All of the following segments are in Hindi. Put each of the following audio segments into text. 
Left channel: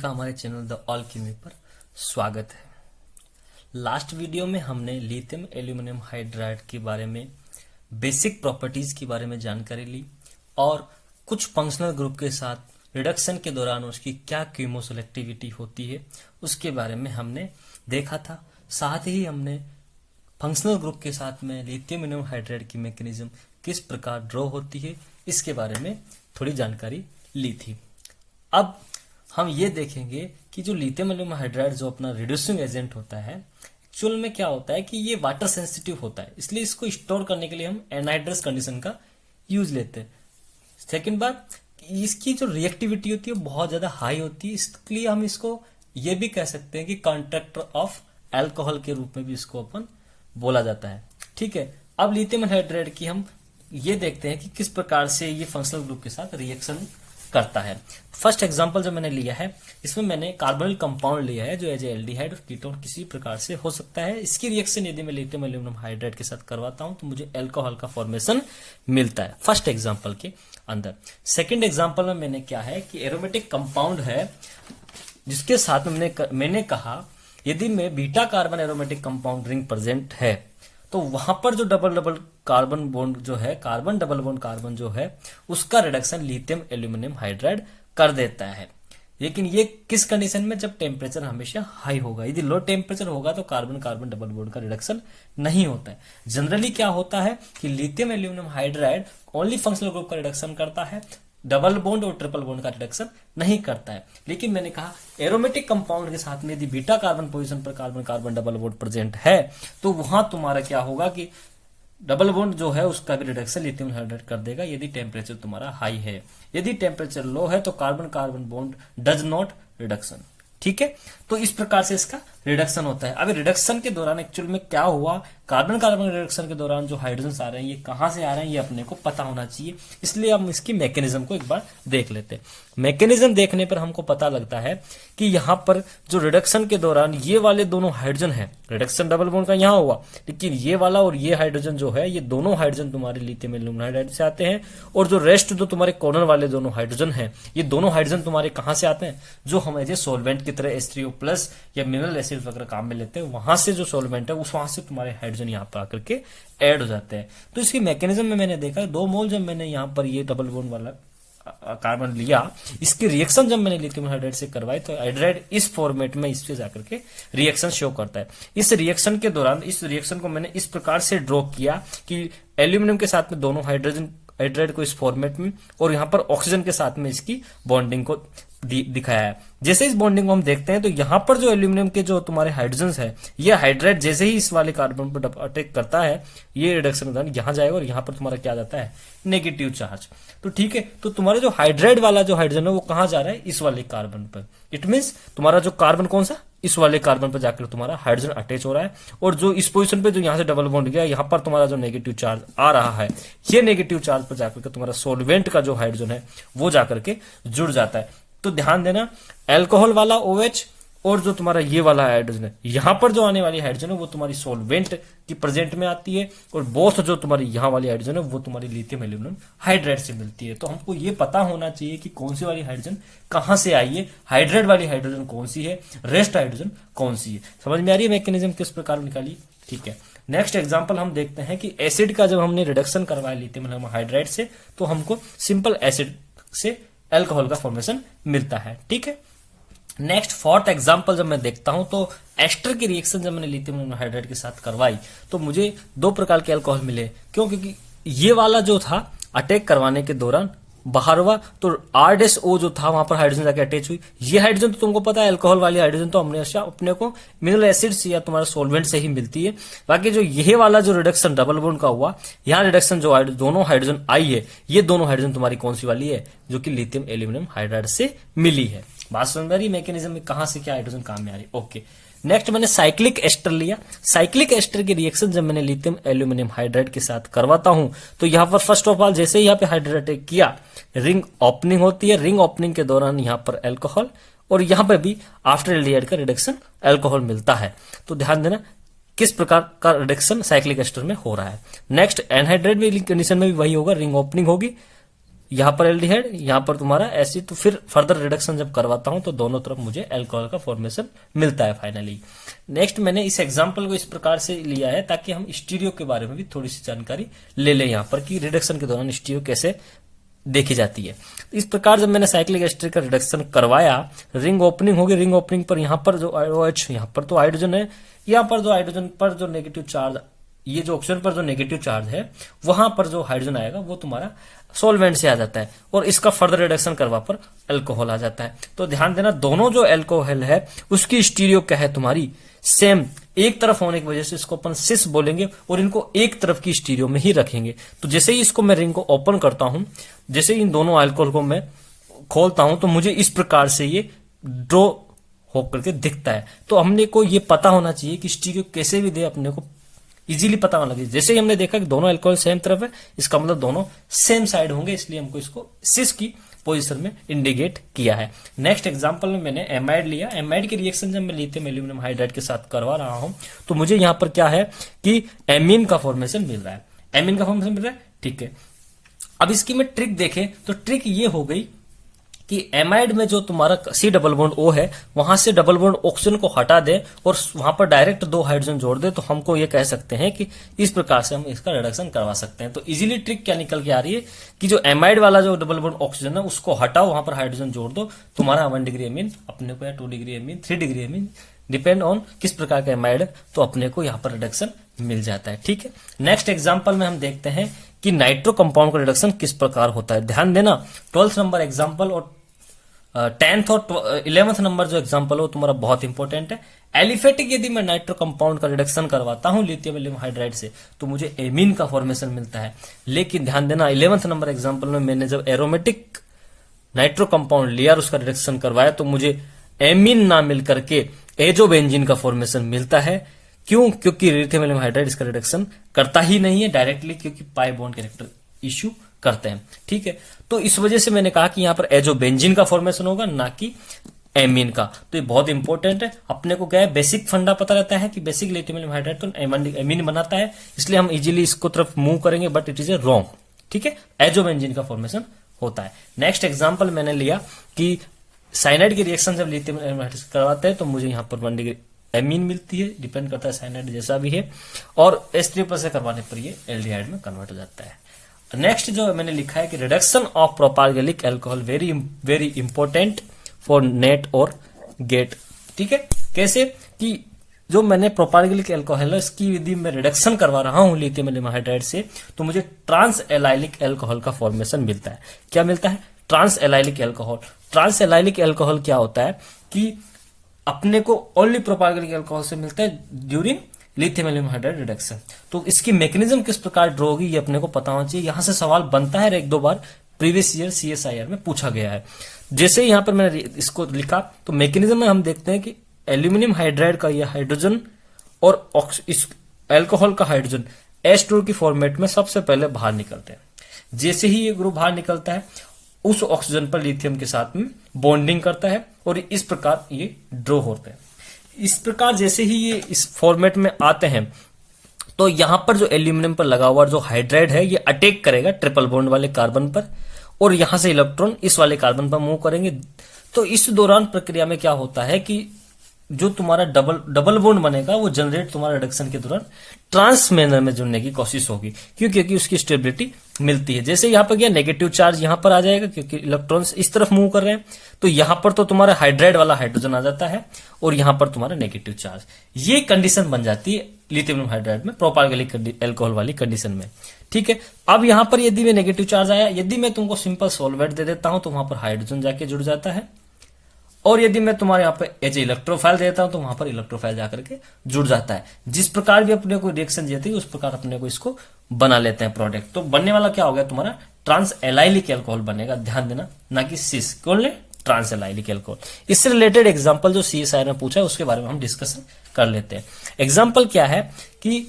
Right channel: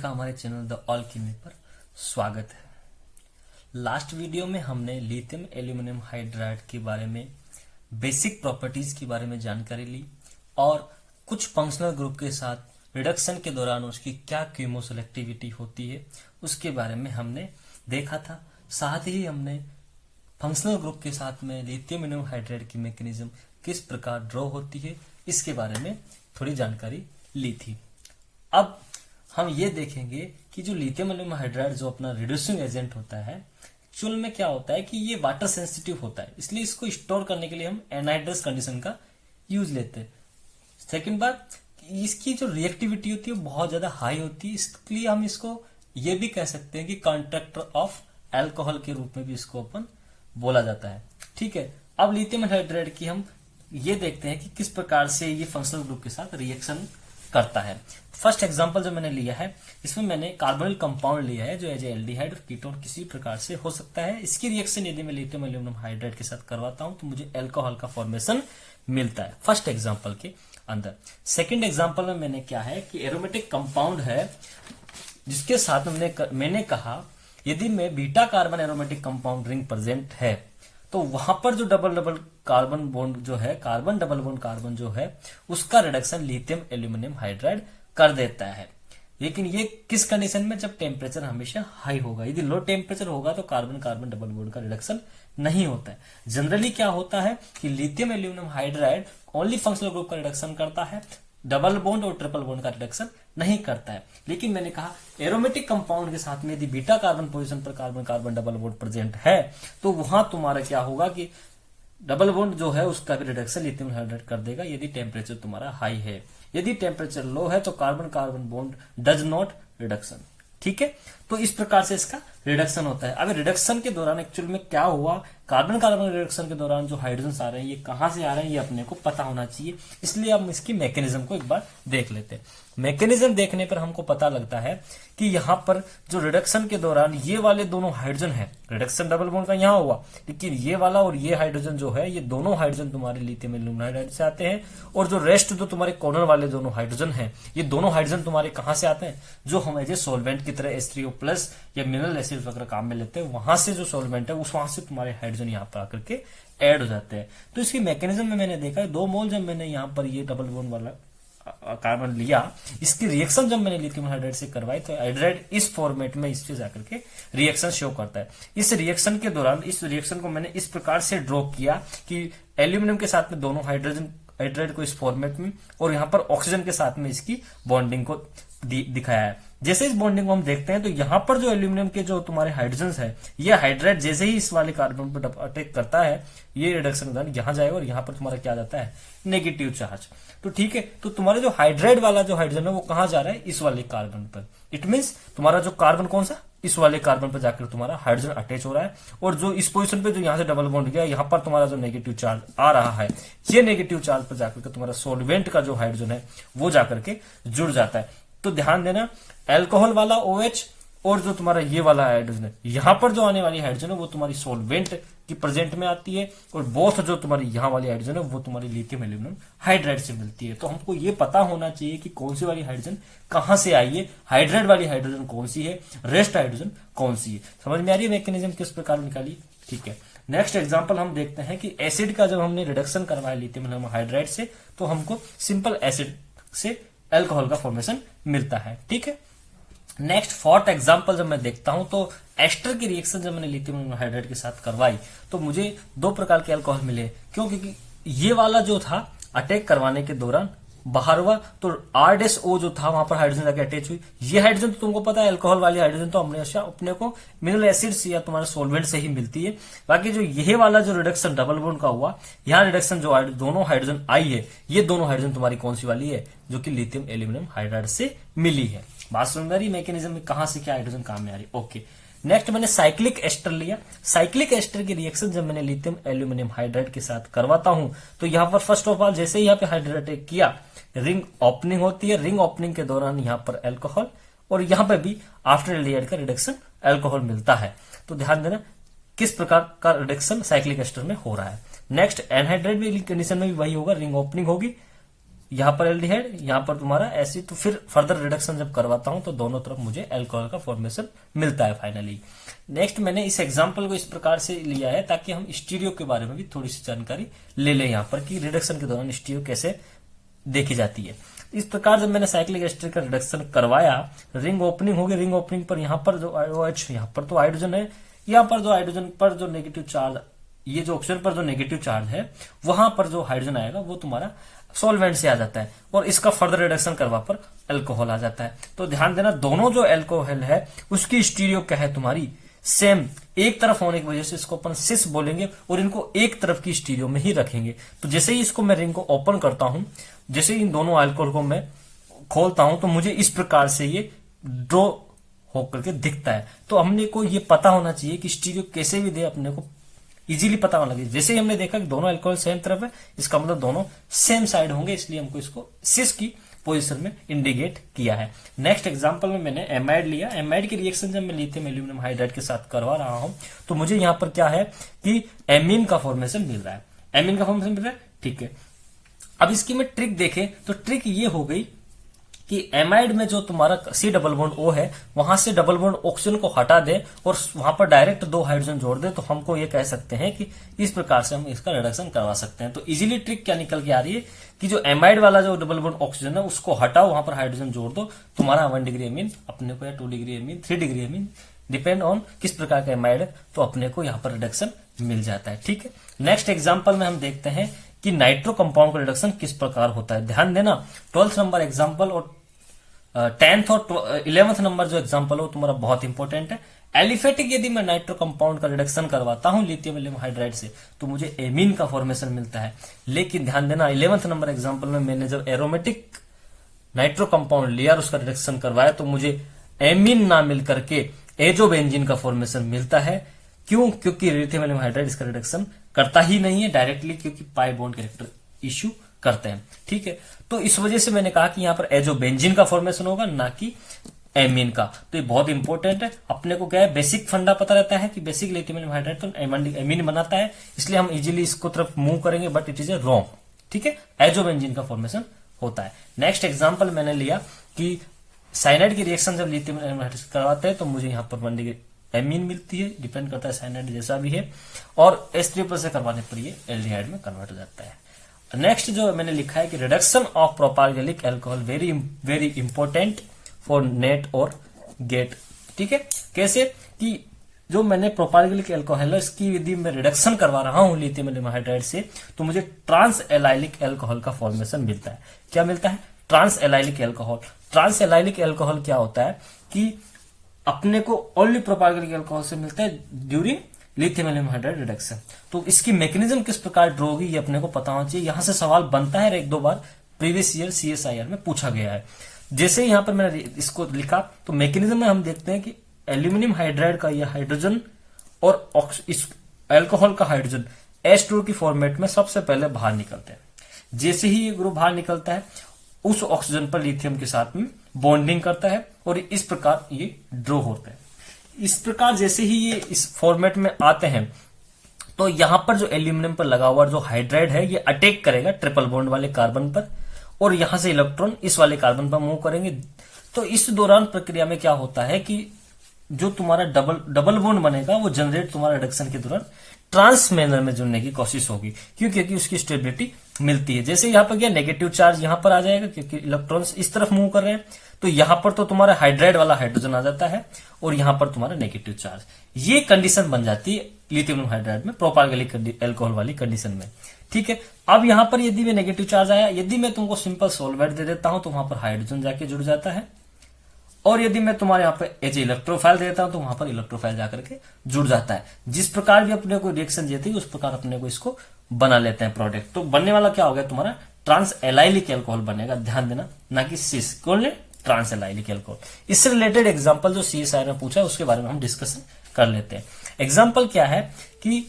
का हमारे चैनल द ऑलकेमी पर स्वागत है। लास्ट वीडियो में हमने लिथियम एल्यूमिनियम हाइड्राइड के बारे में बेसिक प्रॉपर्टीज के बारे में जानकारी ली और कुछ फंक्शनल ग्रुप के साथ रिडक्शन के दौरान उसकी क्या कीमोसेलेक्टिविटी होती है उसके बारे में हमने देखा था। साथ ही हमने फंक्शनल ग्रुप के साथ में लिथियम एल्यूमिनियम हाइड्राइड की मैकेनिज्म किस प्रकार ड्रॉ होती है इसके बारे में थोड़ी जानकारी ली थी। अब हम ये देखेंगे कि जो लिथियम एल्यूमिनियम हाइड्राइड जो अपना रिड्यूसिंग एजेंट होता है एक्चुअल में क्या होता है कि ये वाटर सेंसिटिव होता है, इसलिए इसको स्टोर करने के लिए हम एनहाइड्रस कंडीशन का यूज लेते हैं। सेकेंड बात, इसकी जो रिएक्टिविटी होती है वो बहुत ज्यादा हाई होती है, इसलिए हम इसको ये भी कह सकते हैं कि कॉन्ट्रैक्टर ऑफ एल्कोहल के रूप में भी इसको अपन बोला जाता है। ठीक है, अब लिथियम हाइड्राइड की हम ये देखते हैं कि किस प्रकार से ये फंक्शनल ग्रुप के साथ रिएक्शन करता है। फर्स्ट एग्जांपल जो मैंने लिया है इसमें मैंने कार्बोनिल कंपाउंड लिया है जो एज एल्डिहाइड और कीटोन किसी प्रकार से हो सकता है। इसकी रिएक्शन यदि मैं लिथियम एल्यूमिनियम हाइड्राइड के साथ करवाता हूं तो मुझे अल्कोहल का फॉर्मेशन मिलता है फर्स्ट एग्जांपल के अंदर। सेकेंड एग्जांपल में मैंने क्या है कि एरोमेटिक कंपाउंड है जिसके साथ मैंने कहा यदि में beta carbon aromatic compound ring present है तो वहां पर जो डबल डबल कार्बन बॉन्ड जो है कार्बन डबल बॉन्ड कार्बन जो है उसका रिडक्शन लिथियम एल्यूमिनियम हाइड्राइड कर देता है। लेकिन ये किस कंडीशन में, जब टेम्परेचर हमेशा हाई होगा। यदि लो टेम्परेचर होगा तो कार्बन कार्बन डबल बॉन्ड का रिडक्शन नहीं होता है। जनरली क्या होता है कि lithium aluminium hydride only functional group का रिडक्शन करता है, डबल बॉन्ड और ट्रिपल बॉन्ड का रिडक्शन नहीं करता है। लेकिन मैंने कहा एरोमेटिक कंपाउंड के साथ में यदि बीटा कार्बन पोजीशन पर carbon carbon double bond present है तो वहां तुम्हारा क्या होगा कि डबल बॉन्ड जो है उसका भी रिडक्शन लिथियम हाइड्राइड कर देगा यदि टेम्परेचर तुम्हारा हाई है। यदि टेम्परेचर लो है तो carbon carbon bond does not reduction. ठीक है, तो इस प्रकार से इसका रिडक्शन होता है। अगर रिडक्शन के दौरान एक्चुअल में क्या हुआ, कार्बन कार्बन रिडक्शन के दौरान जो हाइड्रोजन आ रहे हैं ये कहां से आ रहे हैं ये अपने को पता होना चाहिए, इसलिए हम इसकी मैकेनिज्म को एक बार देख लेते हैं। मैकेनिज्म देखने पर हमको पता लगता है कि यहां पर जो रिडक्शन के दौरान ये वाले दोनों हाइड्रोजन है, रिडक्शन डबल बॉन्ड का यहां हुआ, लेकिन ये वाला और ये हाइड्रोजन जो है ये दोनों हाइड्रोजन तुम्हारे लिथियम एल्यूमिनियम हाइड्राइड से आते हैं। और जो रेस्ट जो तुम्हारे कॉर्नर वाले दोनों हाइड्रोजन है ये दोनों हाइड्रोजन तुम्हारे कहां से आते हैं, जो हम एज ए सोलवेंट की तरह H3O+ या मिनरल एसिड वगैरह काम में लेते हैं, वहां से जो सोलवेंट है उस वहां से तुम्हारे हाइड्रोजन यहाँ पर आकर के ऐड हो जाते हैं। तो इसकी मैकेनिज्म में मैंने देखा 2 मोल जब मैंने यहाँ पर ये डबल बॉन्ड वाला कार्बन लिया, इसकी रिएक्शन जब मैंने लिथियम हाइड्राइड से करवाई तो हाइड्राइड इस फॉर्मेट में इससे जाकर के रिएक्शन शो करता है। इस रिएक्शन के दौरान इस रिएक्शन को मैंने इस प्रकार से ड्रॉ किया कि एल्यूमिनियम के साथ में दोनों हाइड्रोजन हाइड्राइड को इस फॉर्मेट में और यहाँ पर ऑक्सीजन के साथ में इसकी बॉन्डिंग को दिखाया है। जैसे इस बॉन्डिंग को हम देखते हैं तो यहाँ पर जो एल्यूमिनियम के जो तुम्हारे हाइड्रोजन है ये हाइड्राइड जैसे ही इस वाले कार्बन पर अटैक करता है ये रिडक्शन के दौरान यहाँ जाएगा और यहाँ पर तुम्हारा क्या जाता है, नेगेटिव चार्ज। तो ठीक है, तो तुम्हारे जो हाइड्राइड वाला जो हाइड्रोजन है वो कहाँ जा रहा है, इस वाले कार्बन पर। इट मीन्स तुम्हारा जो कार्बन कौन सा, इस वाले कार्बन पर जाकर तुम्हारा हाइड्रोजन अटैच हो रहा है। और जो इस पोजीशन पे जो यहाँ से डबल बॉन्ड गया यहाँ पर तुम्हारा जो नेगेटिव चार्ज आ रहा है ये नेगेटिव चार्ज पर जाकर के तुम्हारा सोलवेंट का जो हाइड्रोजन है वो जाकर के जुड़ जाता है। तो ध्यान देना, अल्कोहल वाला OH और जो तुम्हारा ये वाला हाइड्रोजन है यहाँ पर जो आने वाली हाइड्रोजन है वो तुम्हारी सोलवेंट की प्रेजेंट में आती है और बोथ जो तुम्हारी यहाँ वाली हाइड्रोजन है वो तुम्हारी लिथियम एल्यूमिनियम हाइड्राइड से मिलती है। तो हमको ये पता होना चाहिए कि कौन सी वाली हाइड्रोजन कहां से आई है, हाइड्राइड वाली हाइड्रोजन कौन सी है, रेस्ट हाइड्रोजन कौन सी है। समझ में आ रही है मैकेनिज्म किस प्रकार निकाली। ठीक है, नेक्स्ट एग्जांपल हम देखते हैं कि एसिड का जब हमने रिडक्शन करवाया लिथियम एल्यूमिनियम हाइड्राइड से तो हमको सिंपल एसिड से अल्कोहल का फॉर्मेशन मिलता है। ठीक है, नेक्स्ट फोर्थ एग्जांपल जब मैं देखता हूं तो एस्टर की रिएक्शन जब मैंने लिथियम एल्यूमिनियम हाइड्राइड के साथ करवाई तो मुझे 2 प्रकार के अल्कोहल मिले। क्योंकि ये वाला जो था अटैक करवाने के दौरान बाहर हुआ तो R-O जो था वहां पर हाइड्रोजन जाके अटैच हुई। ये हाइड्रोजन तो तुमको पता है अल्कोहल वाली हाइड्रोजन तो हमेशा अपने को मिनरल एसिड्स या तुम्हारा सोलवेंट से ही मिलती है। बाकी जो ये वाला जो रिडक्शन डबल बॉन्ड का हुआ, यहाँ रिडक्शन जो दोनों हाइड्रोजन आई है ये दोनों हाइड्रोजन तुम्हारी कौन सी वाली है, जो कि लिथियम एल्यूमिनियम हाइड्राइड से मिली है। बात समझ में आ रही मैकेनिज्म में कहां से क्या हाइड्रोजन काम में आ रही। ओके, नेक्स्ट मैंने साइक्लिक एस्टर लिया। साइक्लिक एस्टर की रिएक्शन जब मैंने लिथियम एल्यूमिनियम हाइड्राइड के साथ करवाता हूं तो यहाँ पर फर्स्ट ऑफ ऑल जैसे ही यहाँ पे हाइड्राइड अटैक किया रिंग ओपनिंग होती है। रिंग ओपनिंग के दौरान यहाँ पर अल्कोहल और यहाँ पर भी आफ्टर एल्डिहाइड का रिडक्शन अल्कोहल मिलता है। तो ध्यान देना किस प्रकार का रिडक्शन साइक्लिक एस्टर में हो रहा है। नेक्स्ट एनहाइड्राइड कंडीशन में भी वही होगा, रिंग ओपनिंग होगी यहाँ पर एल्डिहाइड, यहाँ पर तुम्हारा एसिड, तो फिर फर्दर रिडक्शन जब करवाता हूं तो दोनों तरफ मुझे अल्कोहल का फॉर्मेशन मिलता है फाइनली। नेक्स्ट मैंने इस एग्जांपल को इस प्रकार से लिया है ताकि हम स्टीरियो के बारे में भी थोड़ी सी जानकारी ले लें यहाँ पर कि रिडक्शन के दौरान स्टीरियो कैसे देखी जाती है। इस प्रकार जब मैंने साइक्लिक एस्टर का रिडक्शन करवाया, रिंग ओपनिंग होगी, रिंग ओपनिंग पर यहाँ पर जो OH, यहाँ पर तो हाइड्रोजन है, यहाँ पर जो हाइड्रोजन पर जो नेगेटिव चार्ज, ये जो ऑक्सीजन पर जो नेगेटिव चार्ज है वहां पर जो हाइड्रोजन आएगा वो तुम्हारा सॉल्वेंट से आ जाता है और इसका फर्दर रिडक्शन करवा पर अल्कोहल आ जाता है। तो ध्यान देना, दोनों जो अल्कोहल है उसकी स्टीरियो क्या है तुम्हारी सेम, एक तरफ होने की वजह से इसको अपन सिस बोलेंगे और इनको एक तरफ की स्टीरियो में ही रखेंगे। तो जैसे ही इसको मैं रिंग को ओपन करता हूं, जैसे ही इन दोनों अल्कोहल को मैं खोलता हूं तो मुझे इस प्रकार से ये ड्रॉ होकर के दिखता है। तो हमने को ये पता होना चाहिए कि स्टीरियो कैसे भी दे, अपने को इजीली पता होना लगे। जैसे ही हमने देखा कि दोनों अल्कोहल सेम तरफ है, इसका मतलब दोनों सेम साइड होंगे, इसलिए हमको इसको सिस की पोजीशन में इंडिकेट किया है। नेक्स्ट एग्जांपल में मैंने एमाइड लिया। एमाइड की रिएक्शन जब मैं लिथियम एल्यूमिनियम हाइड्राइड के साथ करवा रहा हूं तो मुझे यहां पर क्या है कि एमीन का फॉर्मेशन मिल रहा है। एमीन का फॉर्मेशन मिल रहा है, ठीक है। अब इसकी मैं ट्रिक देखें तो ट्रिक ये हो गई कि एमाइड में जो तुम्हारा C डबल बॉन्ड O है वहां से डबल बॉन्ड ऑक्सीजन को हटा दे और वहां पर डायरेक्ट 2 हाइड्रोजन जोड़ दे, तो हमको ये कह सकते हैं कि इस प्रकार से हम इसका रिडक्शन करवा सकते हैं। तो इजीली ट्रिक क्या निकल के आ रही है कि जो एमाइड वाला जो डबल बॉन्ड ऑक्सीजन है उसको हटाओ, वहां पर हाइड्रोजन जोड़ दो, तुम्हारा 1 डिग्री एमीन अपने को या 2 degree amine 3 degree amine depend on किस प्रकार का एमाइड है, तो अपने को यहाँ पर रिडक्शन मिल जाता है, ठीक है। नेक्स्ट एग्जाम्पल में हम देखते हैं कि नाइट्रो कंपाउंड का रिडक्शन किस प्रकार होता है। ध्यान देना, 12th नंबर एग्जाम्पल और 10th और 11th नंबर जो एग्जांपल हो तुम्हारा बहुत इंपॉर्टेंट है। एलिफेटिक यदि मैं नाइट्रो कंपाउंड का रिडक्शन करवाता हूं लिथियम एल्यूमिनियम हाइड्राइड से तो मुझे एमीन का फॉर्मेशन मिलता है। लेकिन ध्यान देना, 11th नंबर एग्जांपल में मैंने जब एरोमेटिक नाइट्रो कंपाउंड लिया और उसका रिडक्शन करवाया तो मुझे एमीन ना मिल करके एजोबेंजीन का फॉर्मेशन मिलता है। क्यों? क्योंकि लिथियम एल्यूमिनियम हाइड्राइड इसका रिडक्शन करता ही नहीं है डायरेक्टली, क्योंकि पाई बॉन्ड कैरेक्टर इश्यू करते हैं, ठीक है। तो इस वजह से मैंने कहा कि यहां पर एजोबेंजीन का फॉर्मेशन होगा, ना कि एमीन का। तो ये बहुत इंपॉर्टेंट है। अपने को क्या है, बेसिक फंडा पता रहता है कि बेसिक लिथियम एल्यूमिनियम हाइड्राइड तो एमीन बनाता है, इसलिए हम इजीली इसको तरफ मूव करेंगे, but it is a wrong, ठीक है। एजोबेंजीन का फॉर्मेशन होता है। नेक्स्ट एग्जांपल मैंने लिया कि साइनाइड की रिएक्शन जब लिथियम एल्यूमिनियम हाइड्राइड करवाते हैं तो मुझे यहाँ पर 1 डिग्री एमीन मिलती है, डिपेंड करता है साइनाइड जैसा भी है, और H3+ से करवाने पर ये एल्डिहाइड में कन्वर्ट हो जाता है। नेक्स्ट जो मैंने लिखा है कि reduction of propargylic alcohol very very important for NET और गेट, ठीक है। कैसे कि जो मैंने प्रोपारगैलिक अल्कोहल है इसकी यदि मैं रिडक्शन करवा रहा हूं लिथियम एल्यूमिनियम हाइड्राइड से तो मुझे ट्रांस एलाइलिक अल्कोहल का फॉर्मेशन मिलता है। क्या मिलता है? Trans allylic alcohol. Trans allylic alcohol क्या होता है कि अपने को ओनली प्रोपारगैलिक अल्कोहल से मिलता है during lithium aluminium hydride reduction. तो इसकी मैकेनिज्म किस प्रकार ड्रॉ होगी ये अपने को पता होना चाहिए। यहां से सवाल बनता है, 1-2 बार प्रीवियस ईयर CSIR में पूछा गया है। जैसे यहां पर मैंने इसको लिखा तो मैकेनिज्म में हम देखते हैं कि एल्यूमिनियम हाइड्राइड का यह हाइड्रोजन और इस अल्कोहल का हाइड्रोजन H2 की फॉर्मेट में सबसे पहले बाहर निकलते हैं। जैसे ही ये ग्रुप बाहर निकलता है उस ऑक्सीजन पर लिथियम के साथ में बॉन्डिंग करता है और इस प्रकार ये ड्रॉ होता है। इस प्रकार जैसे ही ये इस फॉर्मेट में आते हैं तो यहां पर जो एल्यूमिनियम पर लगा हुआ जो हाइड्राइड है ये अटैक करेगा ट्रिपल बॉन्ड वाले कार्बन पर और यहां से इलेक्ट्रॉन इस वाले कार्बन पर मूव करेंगे। तो इस दौरान प्रक्रिया में क्या होता है कि जो तुम्हारा डबल बॉन्ड बनेगा वो जनरेट तुम्हारा रिडक्शन के दौरान ट्रांस मैनर में जुड़ने की कोशिश होगी, क्योंकि उसकी स्टेबिलिटी मिलती है। जैसे यहां पर क्या नेगेटिव चार्ज यहां पर आ जाएगा क्योंकि इलेक्ट्रॉन्स इस तरफ मूव कर रहे हैं, तो यहां पर तो तुम्हारा हाइड्राइड वाला हाइड्रोजन आ जाता है और यहां पर तुम्हारा नेगेटिव चार्ज। ये कंडीशन बन जाती है लिथियम हाइड्राइड में प्रोपारगैलिक अल्कोहल वाली कंडीशन में, ठीक है। अब यहां पर यदि मैं नेगेटिव चार्ज आया, यदि मैं तुमको सिंपल सॉल्वेंट दे देता हूं तो वहां पर हाइड्रोजन जाके जुड़ जाता है, और यदि मैं तुम्हारे यहाँ पे एज इलेक्ट्रोफाइल देता हूं तो वहां पर इलेक्ट्रोफाइल जाकर के जुड़ जाता है। जिस प्रकार भी अपने को रिएक्शन देती है उस प्रकार अपने को इसको बना लेते हैं प्रोडक्ट। तो बनने वाला क्या होगा, तुम्हारा ट्रांस एलाइलिक अल्कोहल बनेगा, ध्यान देना, ना कि सिस। कौन ले? Trans allylic alcohol. इससे रिलेटेड एग्जांपल जो CSIR में पूछा है उसके बारे में हम डिस्कशन कर लेते हैं। एग्जांपल क्या है कि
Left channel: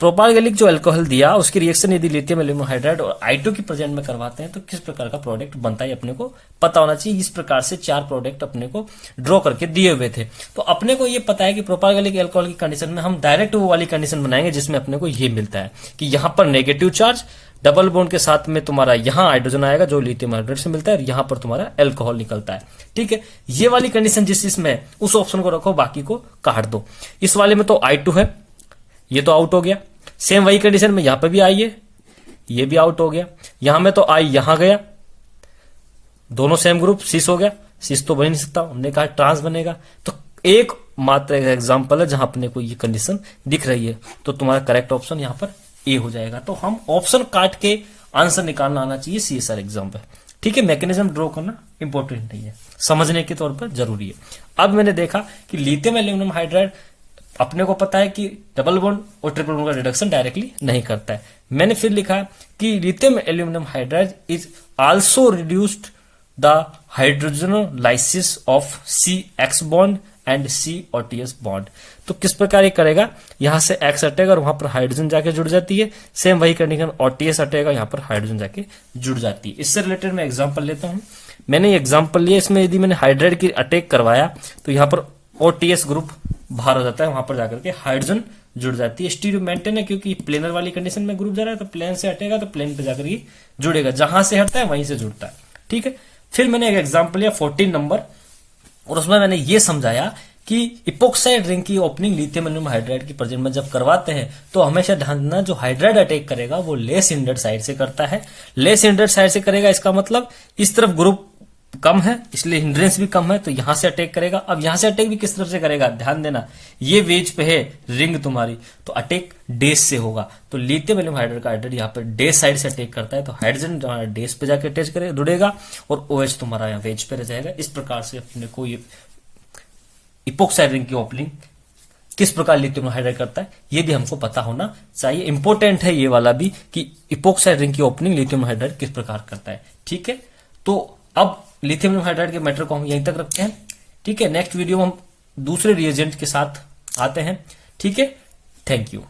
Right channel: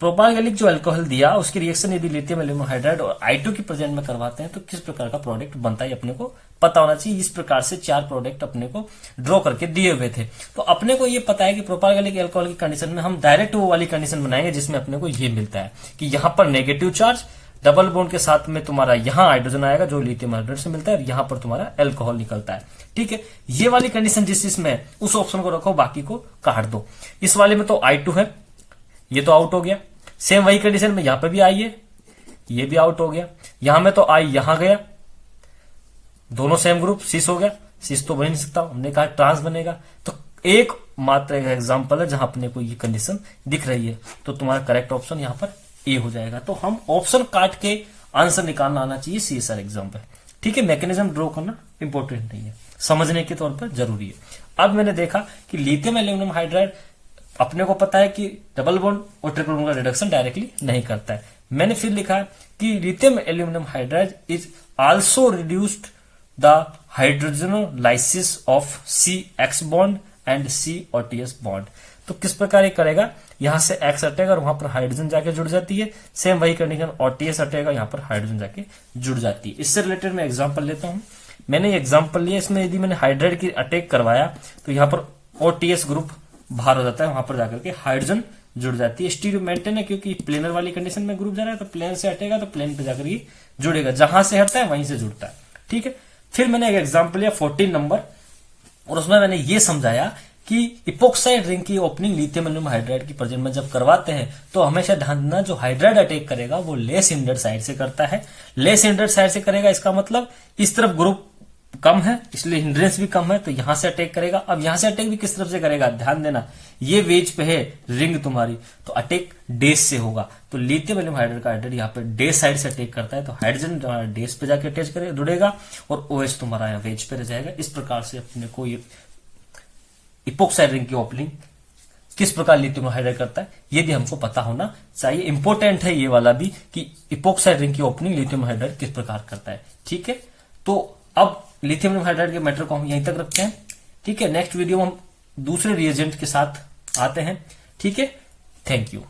प्रोपारगैलिक जो अल्कोहल दिया उसकी रिएक्शन यदि लिथियम एल्यूमिनियम हाइड्राइड और I2 की प्रेजेंट में करवाते हैं तो किस प्रकार का प्रोडक्ट बनता है अपने को पता होना चाहिए। इस प्रकार से 4 प्रोडक्ट अपने को ड्रॉ करके दिए हुए थे। तो अपने को ये पता है कि प्रोपारगैलिक अल्कोहल की कंडीशन में हम डायरेक्ट वो वाली कंडीशन बनाएंगे जिसमें अपने को ये मिलता है कि यहां पर नेगेटिव चार्ज डबल बॉन्ड के साथ में तुम्हारा यहाँ हाइड्रोजन आएगा जो लिथियम हाइड्राइड से मिलता है, और यहाँ पर तुम्हारा एल्कोहल निकलता है। ठीक है, ये वाली कंडीशन जिस इसमें है, उस ऑप्शन को रखो, बाकी को काट दो। इस वाले में तो I2 है, ये तो आउट हो गया। सेम वही कंडीशन में यहां पे भी I है, ये भी आउट हो गया। यहां में तो I यहां गया, दोनों सेम ग्रुप, सिस हो गया। सिस तो बन नहीं सकता, हमने कहा ट्रांस बनेगा। तो एक मात्र एग्जांपल है जहां अपने को ये कंडीशन दिख रही है, तो तुम्हारा करेक्ट ऑप्शन यहां पर ए हो जाएगा। तो हम ऑप्शन काट के आंसर निकालना आना चाहिए CSR एग्जाम पे। ठीक है, मैकेनिज्म ड्रॉ करना इंपॉर्टेंट नहीं है, समझने के तौर पर जरूरी है। अब मैंने देखा कि लिथियम एल्यूमिनियम हाइड्राइड अपने को पता है कि डबल बॉन्ड और ट्रिपल बॉन्ड का रिडक्शन डायरेक्टली नहीं करता है। मैंने फिर लिखा कि lithium aluminium hydride is also reduced the hydrogenolysis of CX bond and COTS bond. तो किस प्रकार ये करेगा, यहां से X हटेगा और वहां पर हाइड्रोजन जाके जुड़ जाती है। सेम वही कंडीशन OTS हटेगा, यहां पर हाइड्रोजन जाके जुड़ जाती है। इससे रिलेटेड मैं एग्जांपल लेता हूं। मैंने ये एग्जांपल लिया, इसमें यदि मैंने हाइड्राइड की अटैक करवाया तो यहां पर OTS ग्रुप बाहर हो जाता है, वहां पर जाकर के हाइड्रोजन जुड़ जाती है। स्टीरियो मेंटेन है क्योंकि प्लेनर वाली कंडीशन में ग्रुप जा रहा है, तो प्लेन से हटेगा तो प्लेन पे जाकर ये जुड़ेगा, जहां से हटता है वहीं से जुड़ता है। ठीक है, फिर मैंने एक एग्जांपल लिया 14 नंबर, और उसमें मैंने ये समझाया कि इपोक्साइड रिंग की ओपनिंग लिथियम एल्यूमिनियम हाइड्राइड की प्रेजेंस में जब करवाते हैं तो हमेशा ध्यान देना, जो हाइड्राइड अटैक करेगा वो लेस हिंडर्ड साइड से करता है। लेस हिंडर्ड साइड से करेगा, इसका मतलब इस तरफ ग्रुप कम है इसलिए हिंड्रेंस भी कम है, तो यहां से अटैक करेगा। अब यहां से अटैक भी किस तरफ से करेगा, ध्यान देना, ये वेज पे है रिंग तुम्हारी, तो अटैक डेस से होगा। तो लिथियम एल्यूमिनियम हाइड्राइड का हाइड्राइड यहाँ पे डेस साइड से अटैक करता है, तो हाइड्रोजन डेस पे जाके अटैच करेगा, जुड़ेगा, और OH तुम्हारा यहाँ वेज पे रह जाएगा। इस प्रकार से अपने को ये इपोक्साइड रिंग की ओपनिंग किस प्रकार लिथियम हाइड्राइड करता है ये भी हमको पता होना चाहिए। इंपॉर्टेंट है ये वाला भी कि इपोक्साइड रिंग की ओपनिंग लिथियम हाइड्राइड किस प्रकार करता है। ठीक है, तो अब लिथियम हाइड्राइड के मैटर को हम यहीं तक रखते हैं। ठीक है, नेक्स्ट वीडियो में हम दूसरे रिएजेंट के साथ आते हैं। ठीक है, थैंक यू।